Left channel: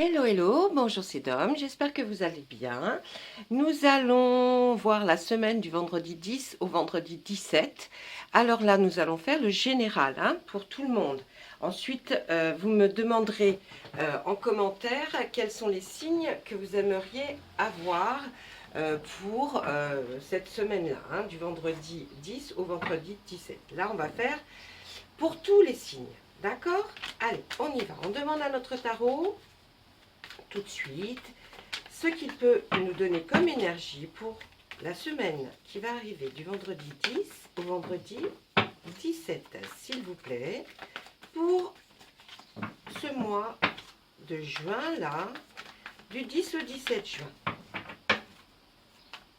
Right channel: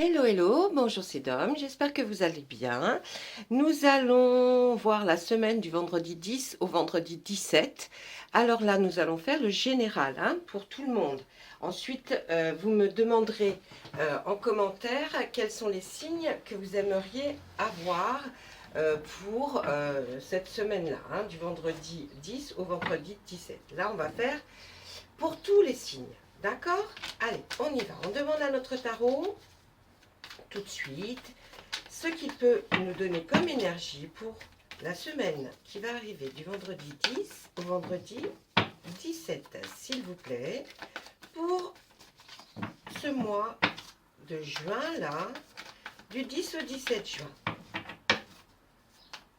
Hello, hello, bonjour c'est Dom, j'espère que vous allez bien. Nous allons voir la semaine du vendredi 10 au vendredi 17. Alors là, nous allons faire le général hein, pour tout le monde. Ensuite, vous me demanderez en commentaire quels sont les signes que vous aimeriez avoir pour cette semaine-là, hein, du vendredi 10 au vendredi 17. Là, on va faire pour tous les signes, d'accord? Allez, on y va. On demande à notre tarot tout de suite ce qu'il peut nous donner comme énergie pour la semaine qui va arriver du vendredi 10 au vendredi 17, s'il vous plaît, pour ce mois de juin là, du 10 au 17 juin.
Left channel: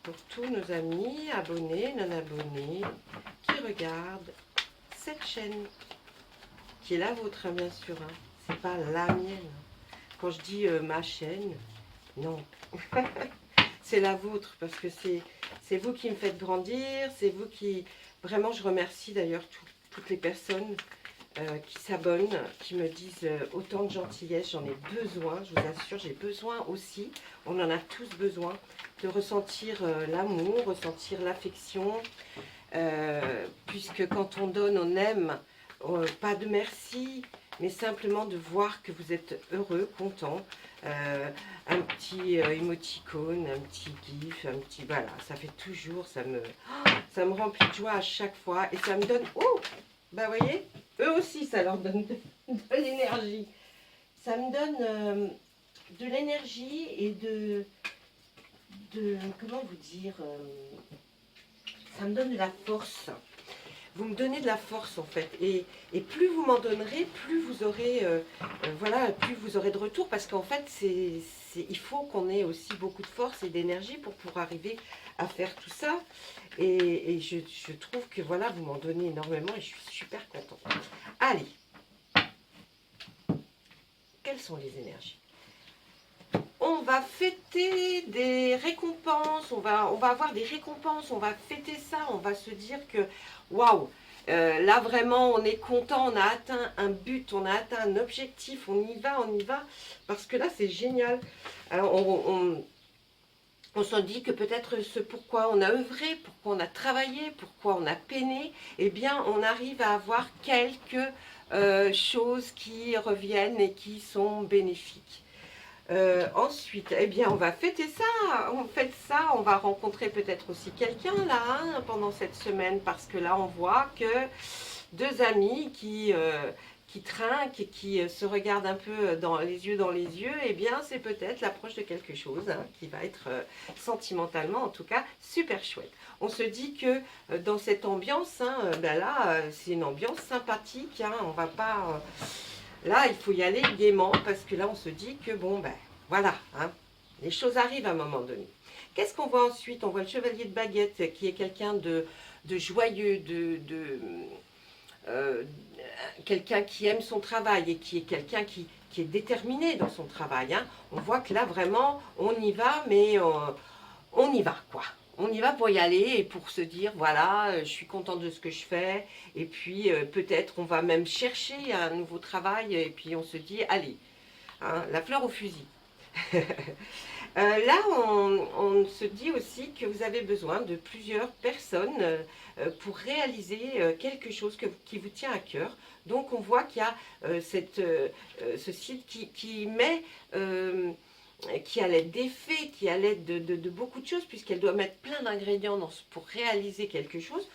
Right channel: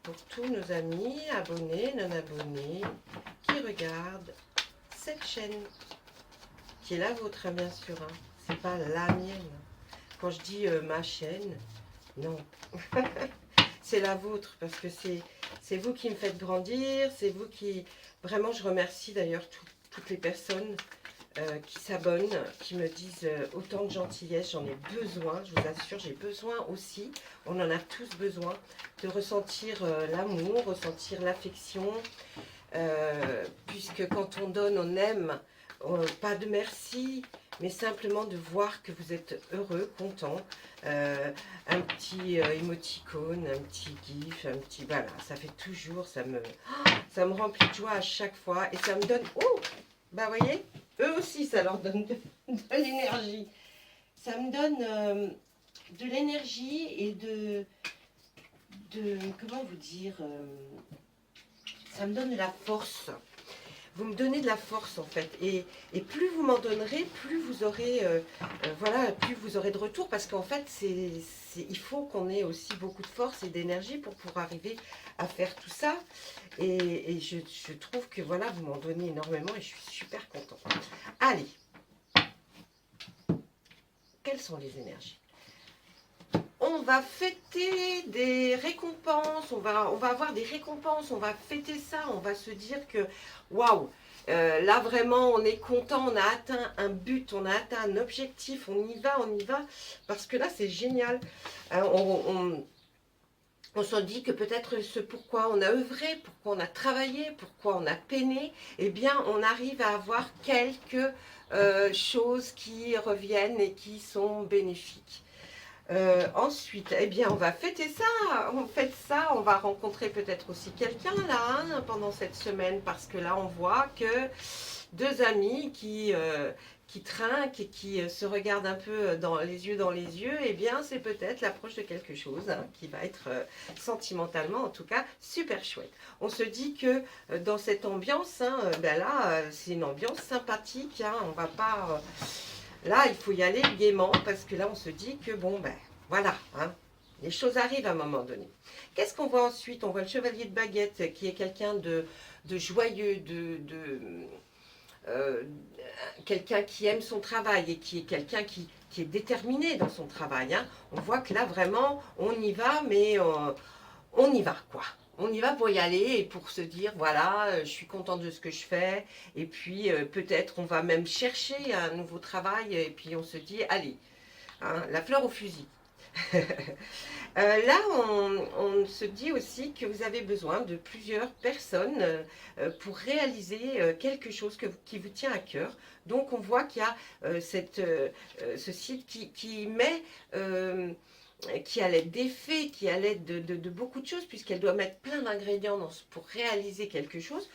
Pour tous nos amis, abonnés, non abonnés, qui regardent cette chaîne, qui est la vôtre hein, bien sûr, hein. C'est pas la mienne. Quand je dis ma chaîne, non, c'est la vôtre parce que c'est vous qui me faites grandir, c'est vous qui... Vraiment, je remercie d'ailleurs toutes les personnes qui s'abonnent, qui me disent autant de gentillesse, j'en ai besoin, je vous assure, j'ai besoin aussi, on en a tous besoin, de ressentir l'amour, ressentir l'affection, puisque quand on donne, on aime, pas de merci, mais simplement de voir que vous êtes heureux, content, un petit émoticône, un petit gif, un petit... Voilà, ça fait toujours, ça me remplit de joie à chaque fois et ça me donne... Oh, bah vous voyez, eux aussi, ça leur donne de l'énergie. Ça me donne de l'énergie et comment vous dire, ça me donne de la force. Vous me donnez de la force en fait, et plus vous m'en donnerez, plus vous aurez, voilà, plus vous aurez de retour, parce qu'en fait, il faut qu'on ait aussi beaucoup de force et d'énergie pour arriver à faire tout ça, et je trouve que voilà, vous m'en donnez énormément, et je suis super contente. Allez, quelles sont les énergies? On va fêter des récompenses, on va avoir des récompenses, on va fêter ça, on va se dire que waouh, là vraiment on est content, on a atteint un but, on a atteint un objectif, on y va, parce que là c'est génial. Alors, on se dit que peut-être ce pourquoi on a œuvré, pourquoi on a travaillé, pourquoi on a peiné, eh bien on arrive à avoir quelques choses qui reviennent et qui sont bénéfiques. Ensuite, eh bien, on va fêter ça. On fête ça. On va rencontrer peut-être aussi quelqu'un là hein, pendant cette semaine parce que là, on voit que deux amis qui trinquent et qui se regardent un peu dans les yeux, eh bien, c'est peut-être l'approche de quelque chose hein, qui va être sentimentalement, en tout cas, super chouette. On se dit que dans cette ambiance, hein, ben là, c'est une ambiance sympathique. Hein, on va pas là, il faut y aller gaiement parce que là, on se dit que bon, ben voilà, hein, les choses arrivent à un moment donné. Qu'est-ce qu'on voit ensuite? On voit le chevalier de baguette qui est quelqu'un de joyeux, euh, quelqu'un qui aime son travail et qui est quelqu'un qui est déterminé dans son travail. Hein. On voit que là, vraiment, on y va, mais on y va, quoi. On y va pour y aller et pour se dire, voilà, je suis contente de ce que je fais. Et puis, peut-être, on va même chercher un nouveau travail. Et puis, on se dit, allez, hein, la fleur au fusil. Là, on se dit aussi que vous avez besoin de plusieurs personnes pour réaliser quelque chose qui vous tient à cœur. Donc, on voit qu'il y a ce site qui met... qui à l'aide des faits, qui à l'aide de beaucoup de choses, puisqu'elle doit mettre plein d'ingrédients pour réaliser quelque chose.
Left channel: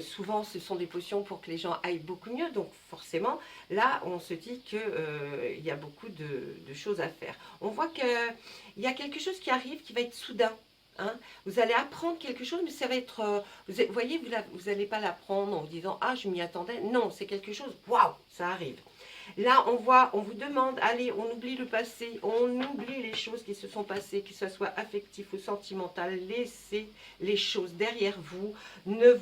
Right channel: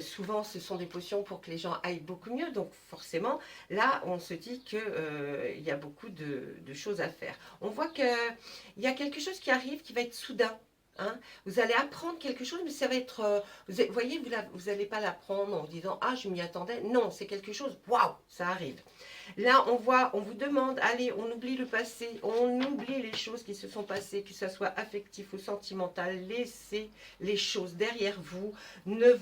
Souvent, ce sont des potions pour que les gens aillent beaucoup mieux. Donc, forcément, là, on se dit qu'il y a beaucoup de choses à faire. On voit qu'il y a quelque chose qui arrive qui va être soudain. Hein. Vous allez apprendre quelque chose, mais ça va être... vous voyez, vous n'allez pas l'apprendre en vous disant « Ah, je m'y attendais ». Non, c'est quelque chose, waouh, ça arrive. Là, on vous demande, allez, on oublie le passé, on oublie les choses qui se sont passées, que ce soit affectif ou sentimental, laissez les choses derrière vous, ne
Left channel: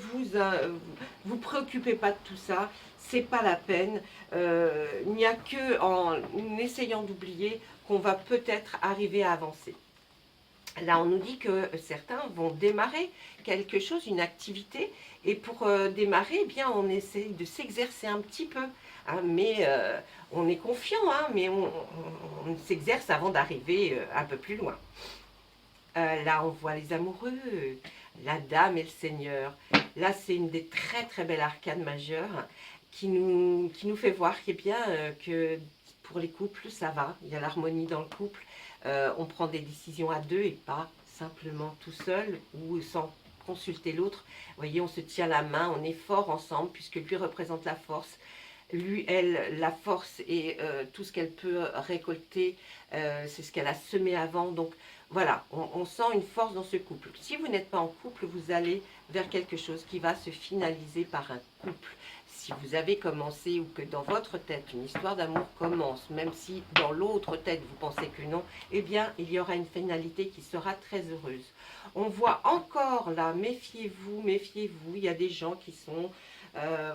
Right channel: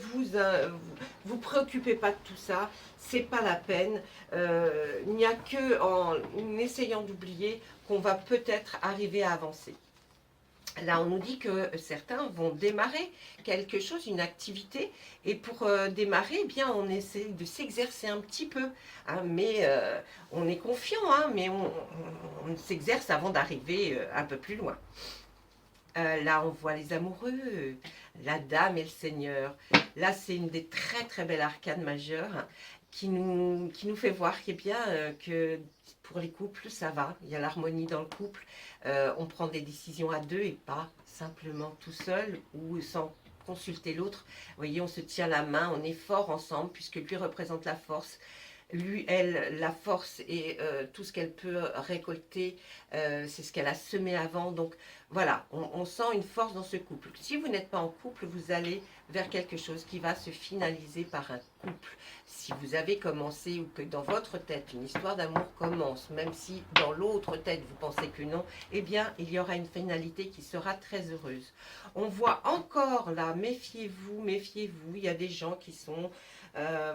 vous préoccupez pas de tout ça, c'est pas la peine. Il n'y a que en essayant d'oublier qu'on va peut-être arriver à avancer. Là, on nous dit que certains vont démarrer quelque chose, une activité, et pour démarrer, eh bien, on essaie de s'exercer un petit peu, hein, mais on est confiant, hein, mais on s'exerce avant d'arriver un peu plus loin. Là, on voit les amoureux, la dame et le seigneur. Là, c'est une des très très belles arcanes majeures qui nous fait voir eh bien, que pour les couples, ça va. Il y a l'harmonie dans le couple. On prend des décisions à deux et pas simplement tout seul ou sans consulter l'autre. Vous voyez, on se tient la main, on est fort ensemble puisque lui représente la force. Lui, elle, la force et tout ce qu'elle peut récolter, c'est ce qu'elle a semé avant. Donc voilà, on sent une force dans ce couple. Si vous n'êtes pas en couple, vous allez vers quelque chose qui va se finaliser par un couple. Si vous avez commencé ou que dans votre tête une histoire d'amour commence, même si dans l'autre tête vous pensez que non, eh bien il y aura une finalité qui sera très heureuse. On voit encore là, méfiez-vous, méfiez-vous, il y a des gens qui sont à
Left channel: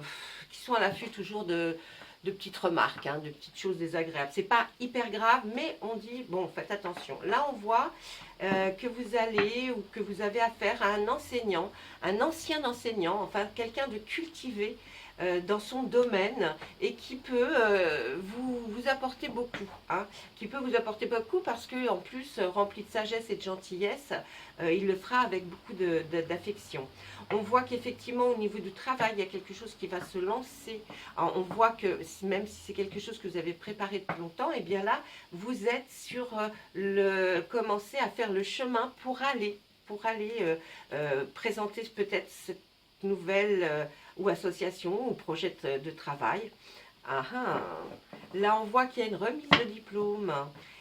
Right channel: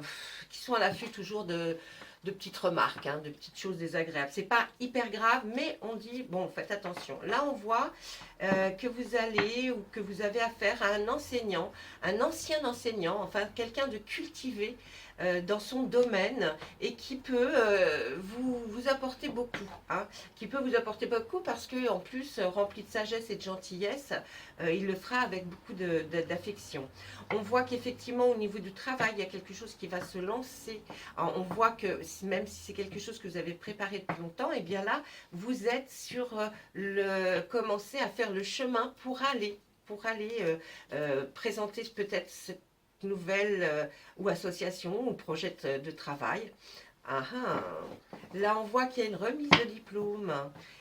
l'affût toujours de petites remarques, hein, de petites choses désagréables. C'est pas hyper grave, mais on dit, bon, faites attention. Là, on voit que vous allez ou que vous avez affaire à un enseignant, un ancien enseignant, enfin quelqu'un de cultivé dans son domaine et qui peut vous apporter beaucoup, hein, qui peut vous apporter beaucoup parce que en plus rempli de sagesse et de gentillesse, il le fera avec beaucoup d'affection. On voit qu'effectivement au niveau du travail il y a quelque chose qui va se lancer. Alors, on voit que même si c'est quelque chose que vous avez préparé depuis longtemps, et bien là vous êtes sur commencer à faire le chemin pour aller présenter peut-être cette nouvelle ou association ou projet de travail. Ah, ah. Là, on voit qu'il y a une remise de diplôme.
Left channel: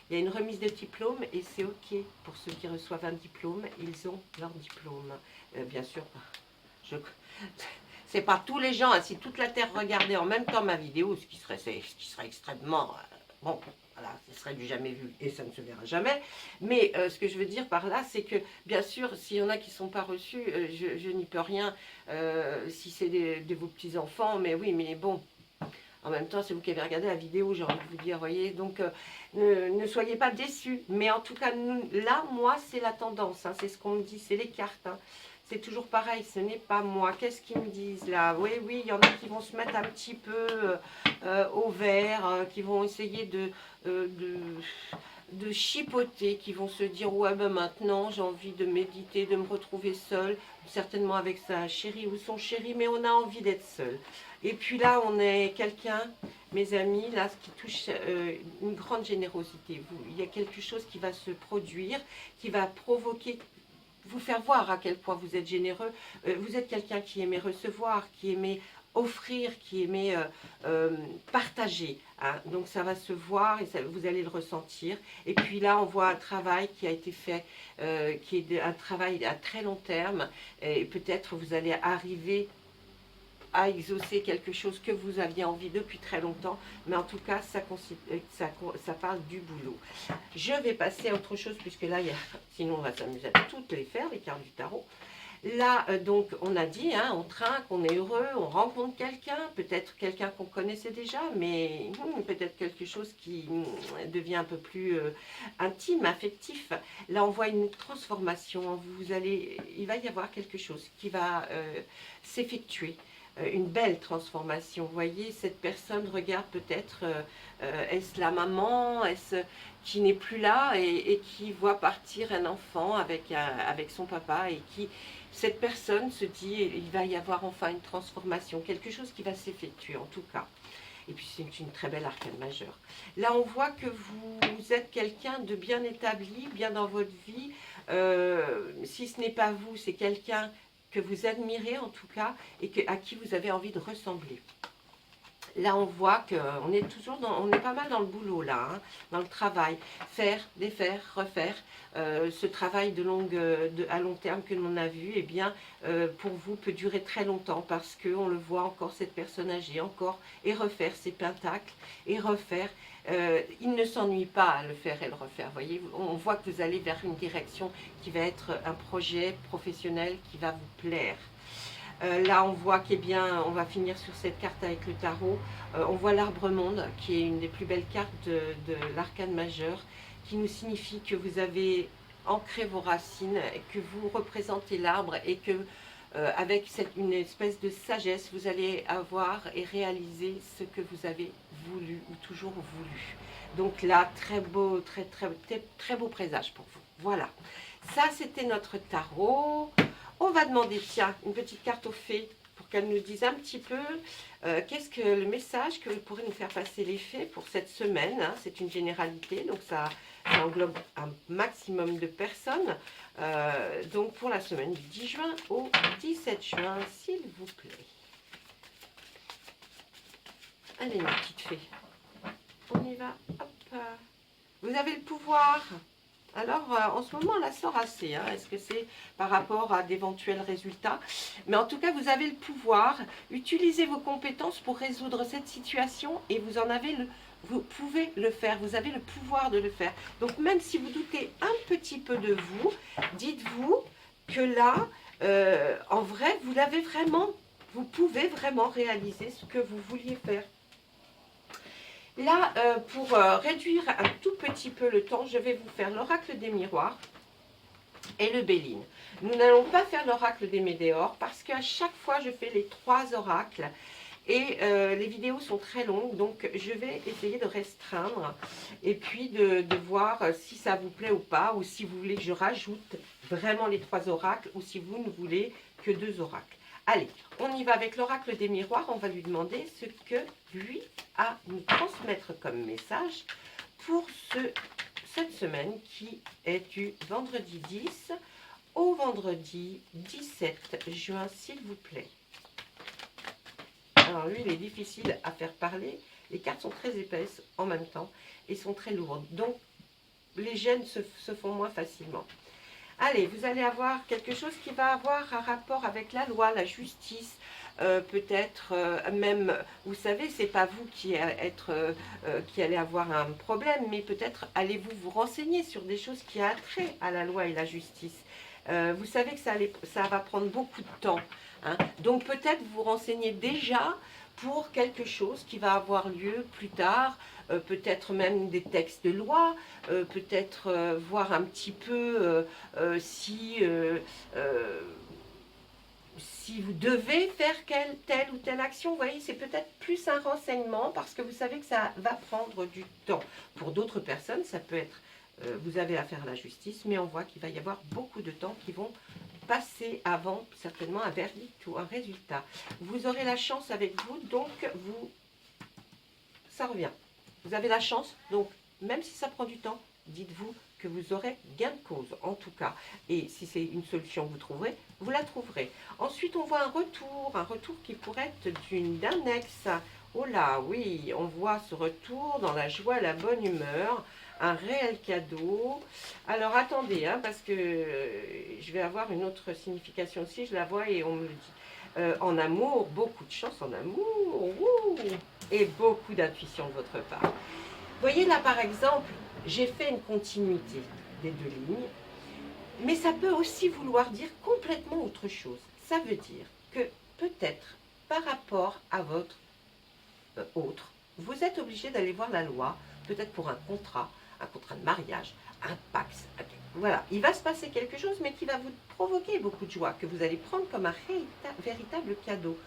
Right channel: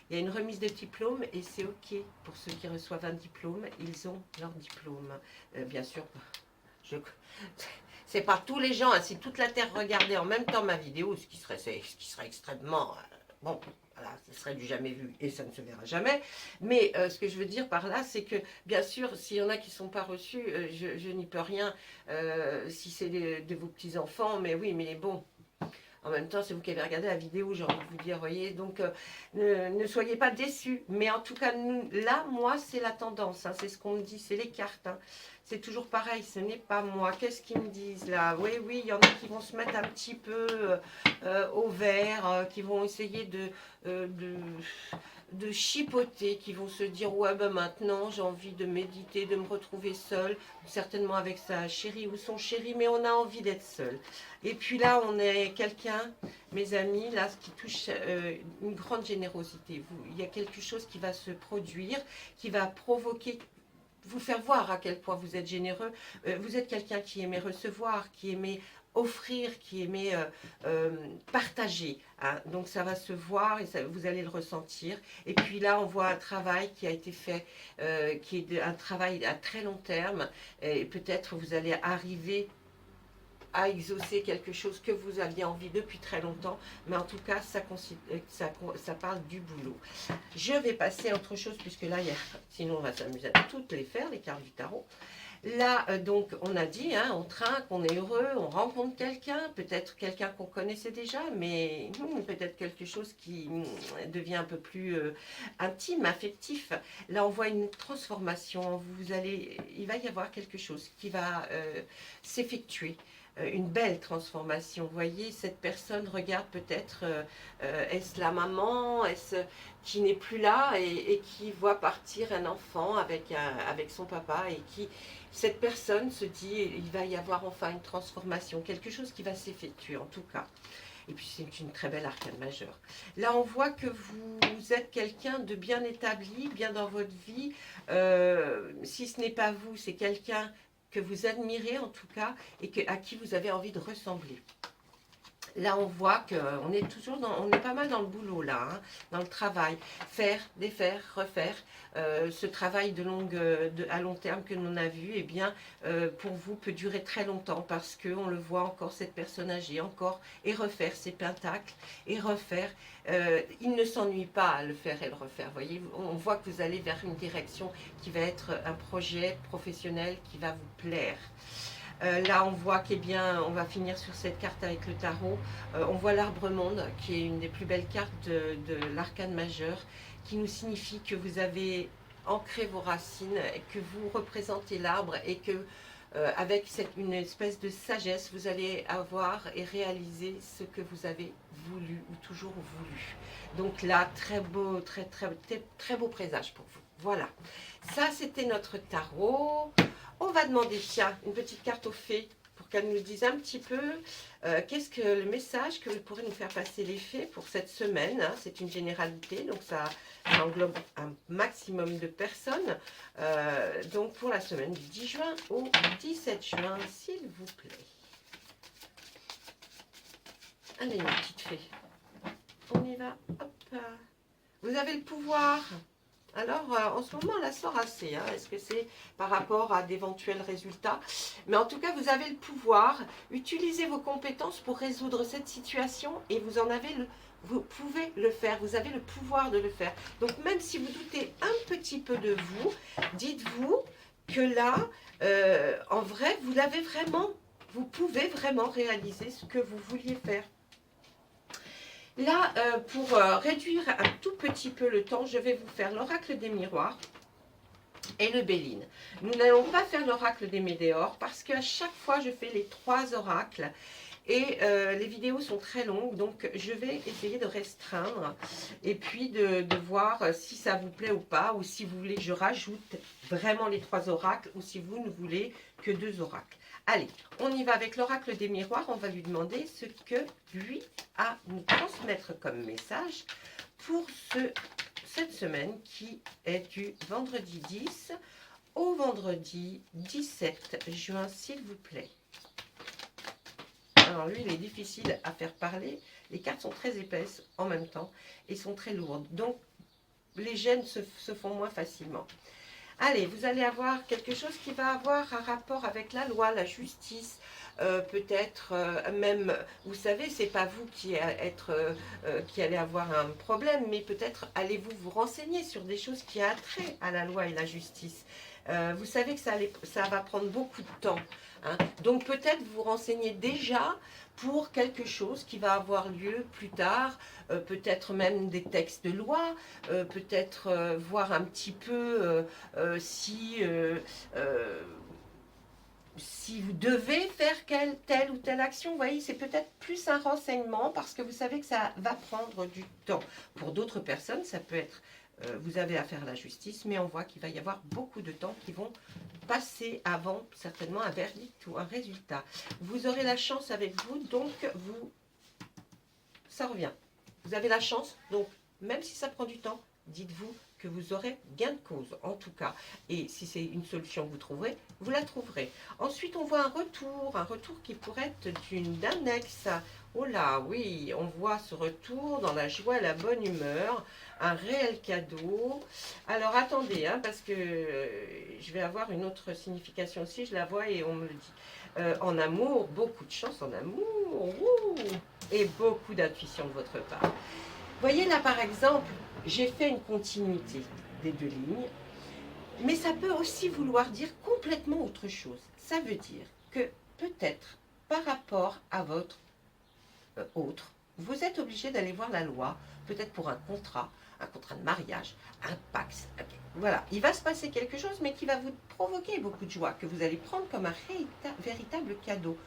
Il y a une remise de diplôme et c'est OK pour ceux qui reçoivent un diplôme. Ils ont leur diplôme. Bien sûr, je... c'est pas tous les gens. Hein, si toute la Terre regardait en même temps ma vidéo, ce qui serait extrêmement... bon, voilà, ce serait du jamais vu et ça ne se verra jamais. Mais ce que je veux dire par là, c'est que bien sûr, s'il y en a qui ne sont pas reçus, je n'y peux rien si c'est de vos petits-enfants. Mais oui, mais bon, en même temps, c'est vous qui avez regardé la vidéo, j'ai envie de vous dire, voyez. Donc, ne soyez pas déçus. Mais en tout cas, là, moi, c'est la tendance. Hein, c'est ce qu'on me dit, c'est les cartes. Hein. C'est toujours pareil, ce n'est pas moi. Qu'est-ce qu'ils me disent là? Oui, oui, il y en a qui vont se mettre un petit peu au vert, qui vont essayer de chipoter, qui vont se dire ouais ben maintenant j'ai envie de méditer, de me retrouver seule, certainement avec sa chérie ou son chéri, mais on a envie d'être seul. Et puis là on est quelqu'un, mes amis, là ce qui touche une grande générosité. Il y a quelque chose qui va se produire, qui va provoquer, vous faire voir à quel point vous êtes généreux. Vous êtes quelqu'un qui aimait recevoir, qui aimait offrir, qui aimait partager. Hein. Donc ça va se voir et ça, vous allez le ressentir. Et puis là, on voit un travail qui a été fait, qui est un travail à très long terme. Et peut-être vous allez arriver à exaucer quelque chose que vous aviez envie depuis très longtemps, mais en tout cas, ça parle du boulot. Je vais passer à autre chose, puisque là, sinon on va s'amuser à toutes les faire, les cartes du tarot. Là, donc, on a dit, hein, on trinque, on est heureux, on rencontre quelqu'un, peut-être quelqu'un qu'on connaissait déjà, mais peut-être quelque chose qui devient un peu plus intime, affectif. Là, on voit une transformation, il va y avoir quelque chose qui va s'effectuer. Une belle transformation. Vous voyez, cette personne regarde peut-être, est-ce la maman, est-ce qui n'est plus là et qui voit partir un enfant avec son papa et qui, cette personne se dit, il va y avoir enfin une transformation, quelque chose qui va s'effectuer en tout cas. Et puis c'est une très belle arcane majeure. Là, on voit que vous êtes quelqu'un de bien établi, bien dans votre vie. Si ce n'est pas vous, c'est quelqu'un que vous admirez en tout cas et à qui vous avez envie de ressembler. Là, on voit qu'on est toujours on est pas mal dans le boulot là, hein, dans le travail. Faire, défaire, refaire. Ce travail à long terme que l'on a vu, eh bien, pour vous, peut durer très longtemps parce qu'on le voit encore, cette personne âgée, encore, et refaire ses pentacles, et refaire. Il ne s'ennuie pas à le faire et le refaire. Voyez, on voit que vous allez vers une direction qui va être un projet professionnel qui va vous plaire. Là, on voit qu'eh bien, on va finir sur cette carte avec le tarot. On voit l'arbre monde, qui est une des plus belles cartes de l'arcane majeur, qui nous signifie que vous avez ancrer vos racines, et que vous représentez l'arbre et que avec une espèce de sagesse, vous allez avoir et réaliser ce que vous avez voulu ou toujours voulu. Donc là, très beau, très beau présage pour vous. Voilà, ça c'était notre tarot. On va demander, tiens, une petite carte aux fées pour qu'elles nous disent un petit peu qu'est-ce que le message que vous pourrez nous faire passer les fées pour cette semaine. Hein. C'est une généralité, donc ça englobe un maximum de personnes. Donc pour la semaine du 10 juin au 17 juin, s'il vous plaît. Allez, ma petite fée, on y va. Hop. Vous avez le pouvoir. Alors, en ce moment, on la sort assez. Hein. Est-ce que c'est par rapport à d'éventuels résultats? Mais en tout cas, vous avez le pouvoir. Utilisez vos compétences pour résoudre cette situation et vous pouvez le faire. Vous avez le pouvoir de le faire. Donc, même si vous doutez un petit peu de vous, dites-vous que là, en vrai, vous pouvez vraiment réaliser ce que vous vouliez faire. Là, pour réduire un tout petit peu le temps, je vais vous faire l'oracle des miroirs et le Béline. Nous n'allons pas faire l'oracle des météores parce qu'à chaque fois, je fais les 3 oracles et les vidéos sont très longues. Donc, je vais essayer de restreindre et puis de voir si ça vous plaît ou pas, ou si vous voulez que je rajoute vraiment les 3 oracles ou si vous ne voulez que 2 oracles. Allez, on y va avec l'oracle des miroirs. On va lui demander ce que lui a à nous transmettre comme message pour cette semaine qui est du vendredi 10 au vendredi 17 juin, s'il vous plaît. Alors lui, il est difficile à faire parler. Les cartes sont très épaisses en même temps et sont très lourdes. Donc, les gènes se font moins facilement. Allez, vous allez avoir quelque chose qui va avoir un rapport avec la loi, la justice, peut-être même, vous savez, c'est pas vous qui allez avoir un problème, mais peut-être allez-vous vous renseigner sur des choses qui ont trait à la loi et la justice. Vous savez que ça va prendre beaucoup de temps. Hein. Donc peut-être vous renseignez déjà pour quelque chose qui va avoir lieu plus tard, peut-être même des textes de loi, peut-être voir un petit peu si vous devez faire telle ou telle action. Vous voyez, c'est peut-être plus un renseignement parce que vous savez que ça va prendre du temps. Pour d'autres personnes, ça peut être, vous avez affaire à la justice, mais on voit qu'il va y avoir beaucoup de temps qui vont passer avant certainement un verdict ou un résultat. Vous aurez la chance avec vous, donc ça revient. Vous avez la chance, donc même si ça prend du temps, dites-vous que vous aurez gain de cause, en tout cas. Et si c'est une solution que vous trouverez, vous la trouverez. Ensuite, on voit un retour qui pourrait être d'un ex. Oh là, oui, on voit ce retour dans la joie, la bonne humeur, un réel cadeau. Alors, attendez, hein, parce que je vais avoir une autre signification aussi, je la vois et on me le dit. En amour, beaucoup de chance en amour, et beaucoup d'intuition de votre part. Vous voyez là, par exemple, j'ai fait une continuité des 2 lignes, mais ça peut aussi vouloir dire complètement autre chose. Ça veut dire que peut-être par rapport à votre autre, vous êtes obligé d'aller voir la loi, peut-être pour un contrat de mariage, un Pax. Voilà, il va se passer quelque chose, mais qui va vous provoquer beaucoup de joie, que vous allez prendre comme un véritable cadeau.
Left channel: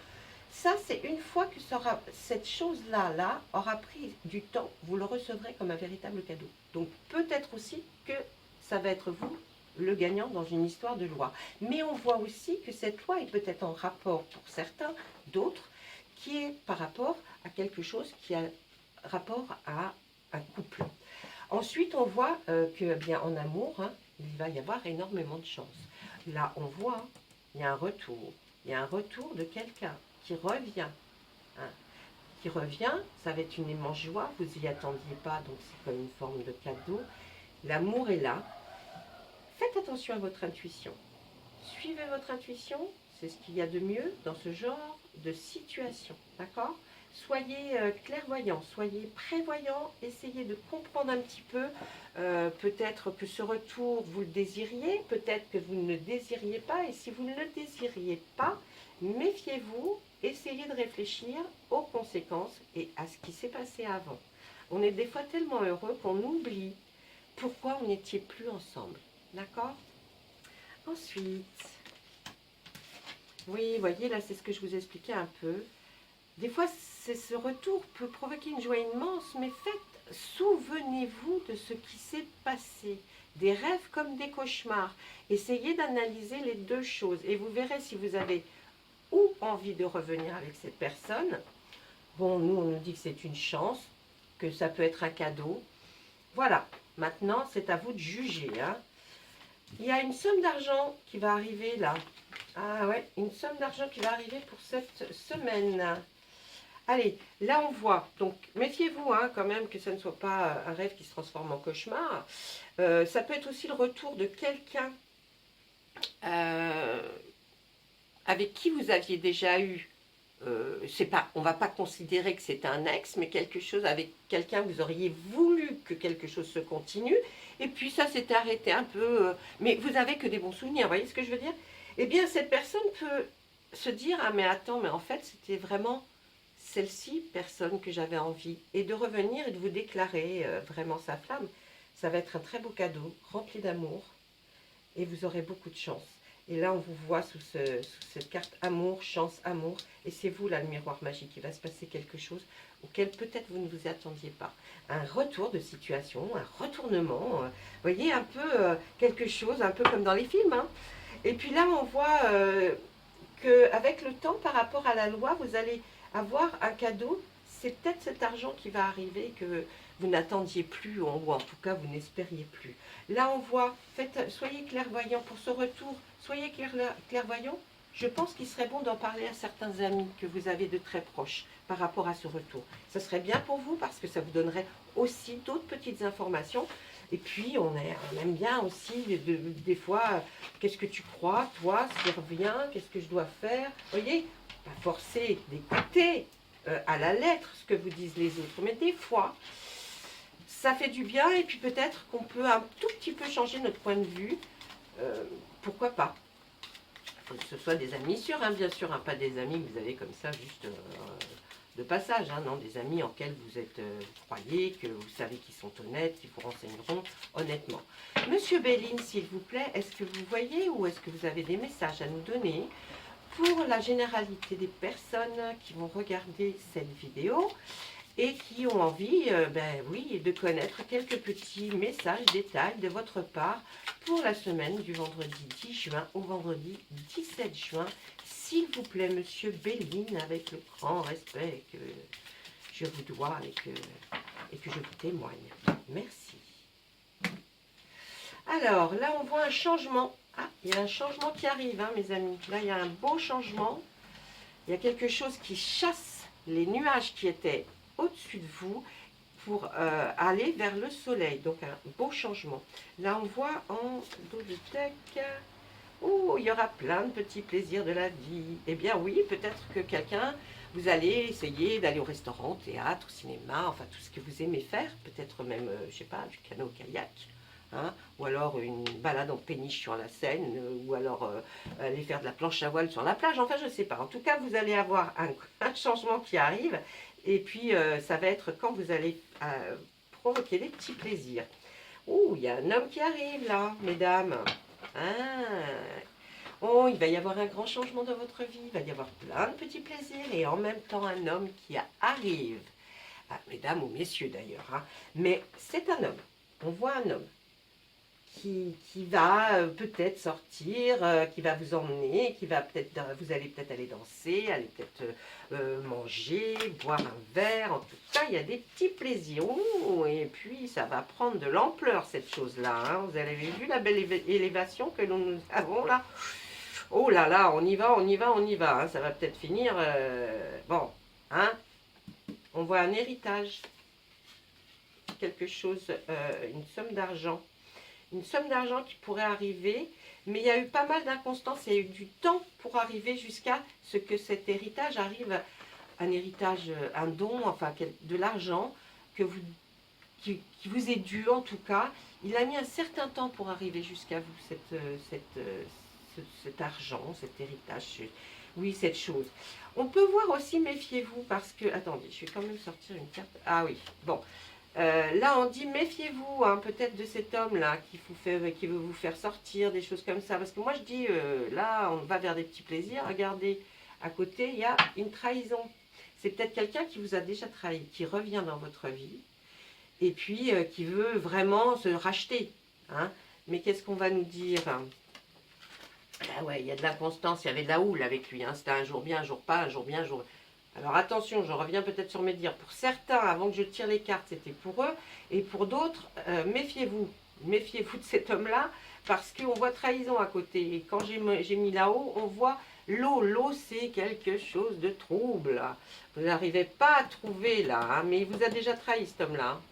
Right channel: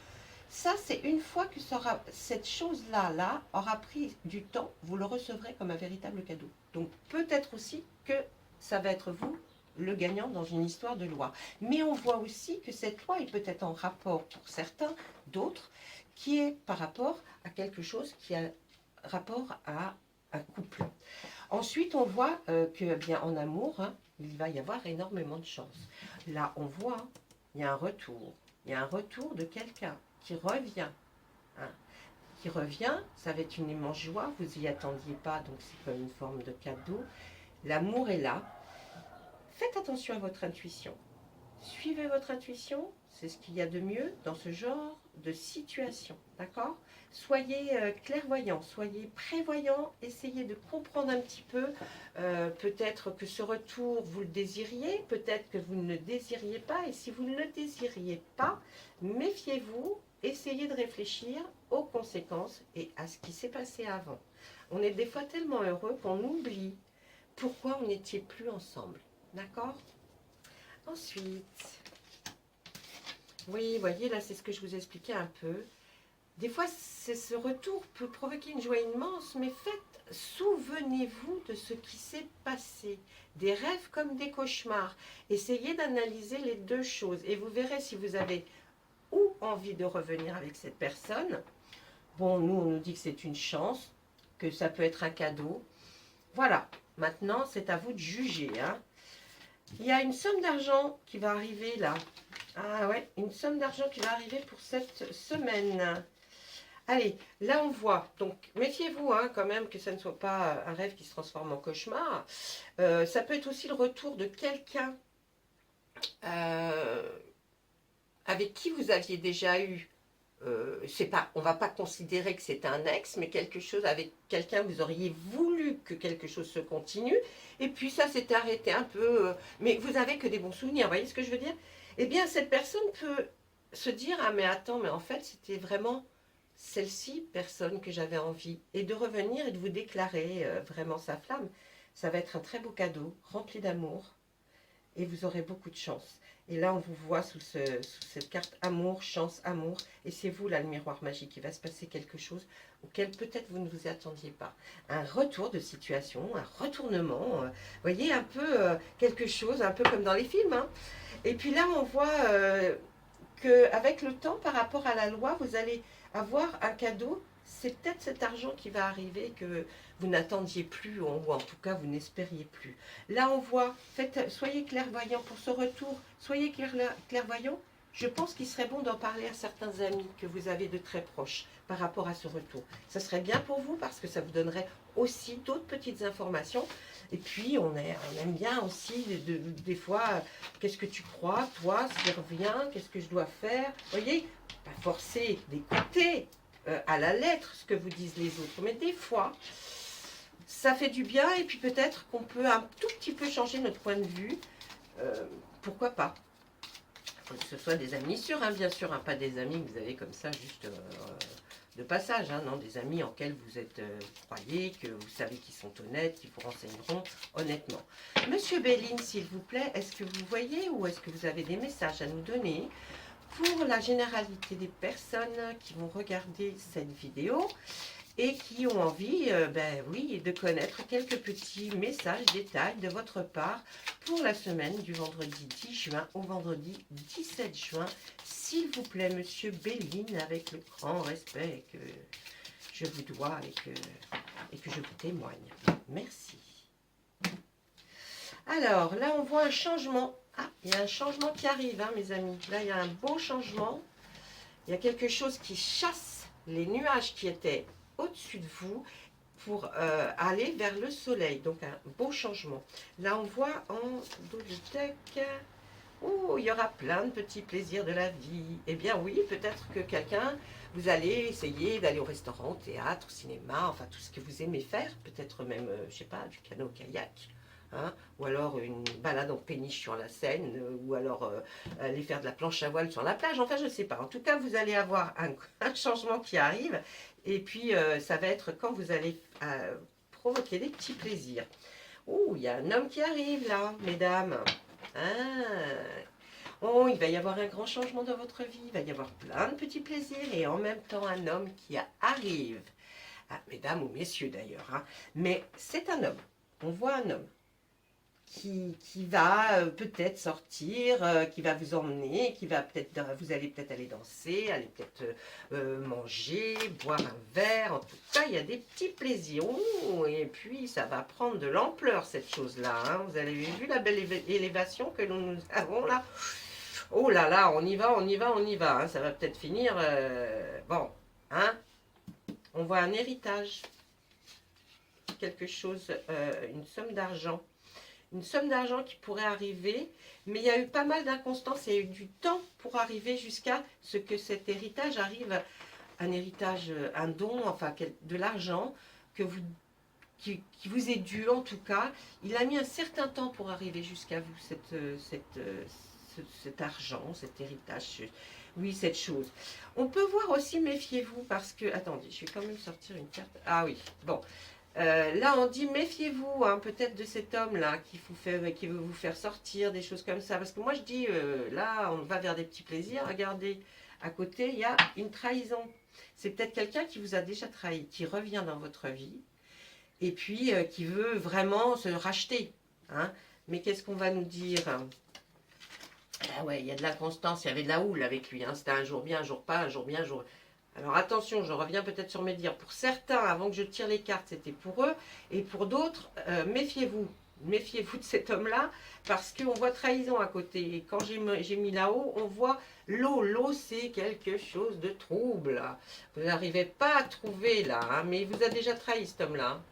Ça, c'est une fois que cette chose-là aura pris du temps, vous le recevrez comme un véritable cadeau. Donc peut-être aussi que ça va être vous le gagnant dans une histoire de loi. Mais on voit aussi que cette loi est peut-être en rapport pour certains, d'autres, qui est par rapport à quelque chose qui a rapport à un couple. Ensuite, on voit que bien en amour, hein, il va y avoir énormément de chance. Là, on voit, il y a un retour. Il y a un retour de quelqu'un qui revient. Hein, qui revient, ça va être une immense joie. Vous n'y attendiez pas, donc c'est comme une forme de cadeau. L'amour est là. Faites attention à votre intuition. Suivez votre intuition, c'est ce qu'il y a de mieux dans ce genre de situation. D'accord ? Soyez clairvoyants, soyez prévoyants, essayez de comprendre un petit peu. Peut-être que ce retour, vous le désiriez, peut-être que vous ne le désiriez pas. Et si vous ne le désiriez pas, méfiez-vous, essayez de réfléchir aux conséquences et à ce qui s'est passé avant. On est des fois tellement heureux qu'on oublie pourquoi on n'était plus ensemble. D'accord? Ensuite, oui, vous voyez, là, c'est ce que je vous expliquais un peu. Des fois, ce retour peut provoquer une joie immense, mais faites, souvenez-vous de ce qui s'est passé. Des rêves comme des cauchemars. Essayez d'analyser les deux choses et vous verrez si vous avez ou envie de revenir avec cette personne. Bon, nous, on nous dit que c'est une chance, que ça peut être un cadeau. Voilà, maintenant, c'est à vous de juger. Hein. Il y a une somme d'argent qui va arriver là. Ah ouais, une somme d'argent qui va arriver pour cette semaine. Allez, là on voit, donc méfiez-vous hein, quand même que ça ne soit pas un rêve qui se transforme en cauchemar. Ça peut être aussi le retour de quelqu'un euh, avec qui vous aviez déjà eu, c'est pas, on ne va pas considérer que c'est un ex, mais quelque chose avec quelqu'un, vous auriez voulu que quelque chose se continue, et puis ça s'était arrêté un peu, mais vous avez que des bons souvenirs, vous voyez ce que je veux dire? Eh bien, cette personne peut se dire, ah mais attends, mais en fait, c'était vraiment celle-ci, personne que j'avais envie, et de revenir et de vous déclarer vraiment sa flamme. Ça va être un très beau cadeau, rempli d'amour, et vous aurez beaucoup de chance. Et là, on vous voit sous cette carte amour, chance, amour. Et c'est vous, là, le miroir magique. Il va se passer quelque chose auquel peut-être vous ne vous attendiez pas. Un retour de situation, un retournement. Vous voyez, un peu quelque chose, un peu comme dans les films. Hein. Et puis là, on voit qu'avec le temps, par rapport à la loi, vous allez avoir un cadeau. C'est peut-être cet argent qui va arriver que vous n'attendiez plus, ou en tout cas vous n'espériez plus. Là on voit, soyez clairvoyant pour ce retour, soyez clairvoyant. Je pense qu'il serait bon d'en parler à certains amis que vous avez de très proches par rapport à ce retour. Ça serait bien pour vous parce que ça vous donnerait aussi d'autres petites informations. Et puis on aime bien aussi des fois, qu'est-ce que tu crois, toi, ce qui revient, qu'est-ce que je dois faire. Vous voyez, pas forcer d'écouter à la lettre ce que vous disent les autres, mais des fois, ça fait du bien et puis peut-être qu'on peut un tout petit peu changer notre point de vue. Pourquoi pas? Il faut que ce soit des amis sûrs, hein, bien sûr, hein, pas des amis que vous avez comme ça juste de passage, hein, non, des amis en lesquels vous êtes, vous croyez, que vous savez qu'ils sont honnêtes, qu'ils vous renseigneront honnêtement. Monsieur Béline, s'il vous plaît, est-ce que vous voyez ou est-ce que vous avez des messages à nous donner pour la généralité des personnes qui vont regarder cette vidéo et qui ont envie, ben oui, de connaître quelques petits messages, détails de votre part pour la semaine du vendredi 10 juin au vendredi 17 juin. S'il vous plaît, Monsieur Béline, avec le grand respect que je vous dois et que je vous témoigne. Merci. Alors, là, on voit un changement. Ah, il y a un changement qui arrive, hein, mes amis. Là, il y a un beau changement. Il y a quelque chose qui chasse les nuages qui étaient au-dessus de vous pour aller vers le soleil. Donc, un beau changement. Là, on voit en double-deck, oh, il y aura plein de petits plaisirs de la vie. Eh bien, oui, peut-être que quelqu'un, vous allez essayer d'aller au restaurant, au théâtre, au cinéma, enfin, tout ce que vous aimez faire. Peut-être même, je sais pas, du canot-kayak. Hein, ou alors une balade en péniche sur la Seine, ou alors aller faire de la planche à voile sur la plage, enfin je ne sais pas. En tout cas, vous allez avoir un changement qui arrive, et puis ça va être quand vous allez provoquer des petits plaisirs. Oh, il y a un homme qui arrive là, mesdames. Ah. Oh, il va y avoir un grand changement dans votre vie, il va y avoir plein de petits plaisirs, et en même temps un homme qui arrive. Ah, mesdames ou messieurs d'ailleurs, hein. Mais c'est un homme, on voit un homme qui va peut-être sortir, qui va vous emmener, qui va peut-être, vous allez peut-être aller danser, aller peut-être manger, boire un verre. En tout cas, il y a des petits plaisirs. Ouh, et puis, ça va prendre de l'ampleur, cette chose-là. Hein. Vous avez vu la belle élévation que nous avons là? Oh là là, on y va, on y va, on y va. Hein. Ça va peut-être finir... bon, hein? On voit un héritage. Quelque chose, une somme d'argent. Une somme d'argent qui pourrait arriver, mais il y a eu pas mal d'inconstances, il y a eu du temps pour arriver jusqu'à ce que cet héritage arrive, un héritage, un don, enfin de l'argent qui vous est dû en tout cas. Il a mis un certain temps pour arriver jusqu'à vous, cet argent, cet héritage, oui, cette chose. On peut voir aussi, méfiez-vous, parce que, attendez, je vais quand même sortir une carte. Ah oui, bon. Là, on dit méfiez-vous hein, peut-être de cet homme-là qui veut vous faire sortir, des choses comme ça. Parce que moi, je dis, là, on va vers des petits plaisirs. Regardez, à côté, il y a une trahison. C'est peut-être quelqu'un qui vous a déjà trahi, qui revient dans votre vie et puis qui veut vraiment se racheter. Hein. Mais qu'est-ce qu'on va nous dire? Ah ouais, il y a de l'inconstance, il y avait de la houle avec lui. Hein. C'était un jour bien, un jour pas, un jour bien, un jour... Alors attention, je reviens peut-être sur mes dires. Pour certains, avant que je tire les cartes, c'était pour eux. Et pour d'autres, méfiez-vous. Méfiez-vous de cet homme-là, parce qu'on voit trahison à côté. Et quand j'ai mis là-haut, on voit l'eau. L'eau, c'est quelque chose de trouble. Vous n'arrivez pas à trouver là, hein, mais il vous a déjà trahi cet homme-là. Hein.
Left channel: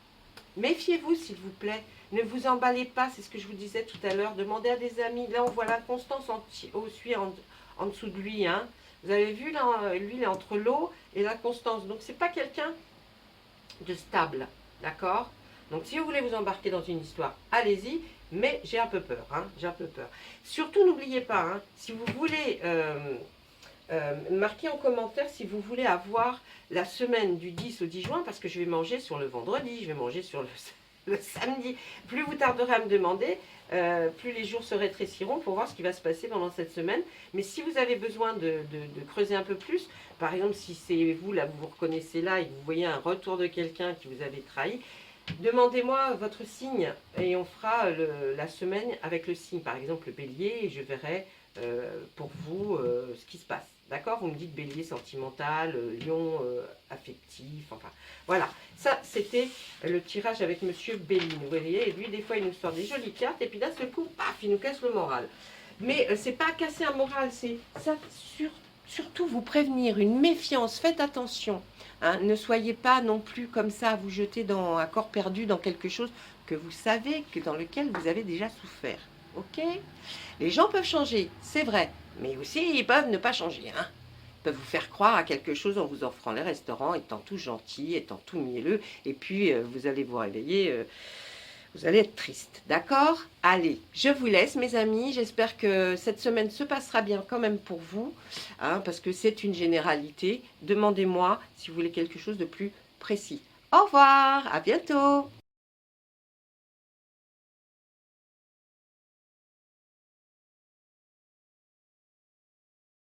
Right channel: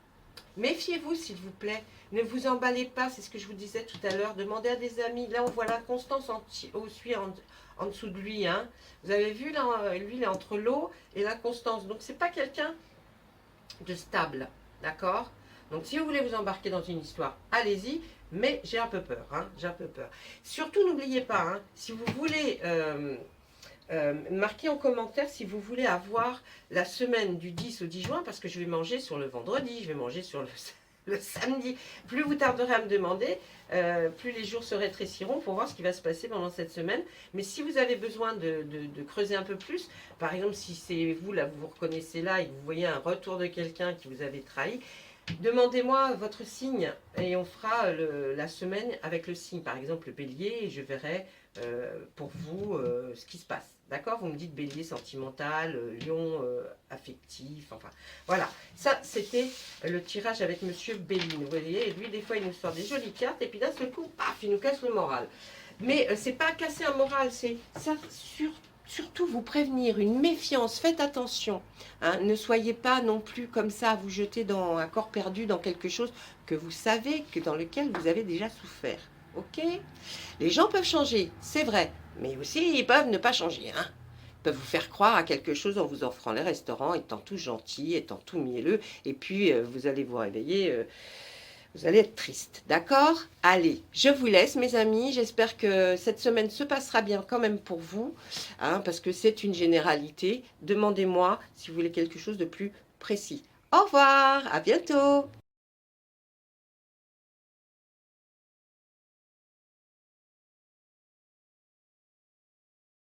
Méfiez-vous, s'il vous plaît. Ne vous emballez pas, c'est ce que je vous disais tout à l'heure. Demandez à des amis. Là, on voit la constance en dessous de lui. Hein. Vous avez vu, là, lui, il est entre l'eau et la constance. Donc, c'est pas quelqu'un de stable. D'accord? Donc, si vous voulez vous embarquer dans une histoire, allez-y. Mais j'ai un peu peur. Hein, j'ai un peu peur. Surtout, n'oubliez pas, hein, si vous voulez... marquez en commentaire si vous voulez avoir la semaine du 10 au 10 juin, parce que je vais manger sur le vendredi, je vais manger sur le samedi. Plus vous tarderez à me demander, plus les jours se rétréciront pour voir ce qui va se passer pendant cette semaine. Mais si vous avez besoin de creuser un peu plus, par exemple si c'est vous, là vous vous reconnaissez là et que vous voyez un retour de quelqu'un qui vous avait trahi, demandez-moi votre signe et on fera la semaine avec le signe. Par exemple le bélier, et je verrai pour vous ce qui se passe. D'accord? Vous me dites bélier sentimental, lion affectif, enfin voilà. Ça, c'était le tirage avec Monsieur Béline. Vous voyez, et lui, des fois, il nous sort des jolies cartes, et puis d'un seul coup, paf, il nous casse le moral. Mais c'est pas casser un moral, c'est ça, surtout vous prévenir, une méfiance, faites attention. Hein, ne soyez pas non plus comme ça à vous jeter dans un corps perdu, dans quelque chose que vous savez, dans lequel vous avez déjà souffert. Ok? Les gens peuvent changer, c'est vrai, mais aussi ils peuvent ne pas changer. Hein? Ils peuvent vous faire croire à quelque chose en vous offrant les restaurants, étant tout gentil, étant tout mielleux, et puis vous allez vous réveiller, vous allez être triste. D'accord? Allez, je vous laisse mes amis, j'espère que cette semaine se passera bien quand même pour vous, hein, parce que c'est une généralité. Demandez-moi si vous voulez quelque chose de plus précis. Au revoir, à bientôt!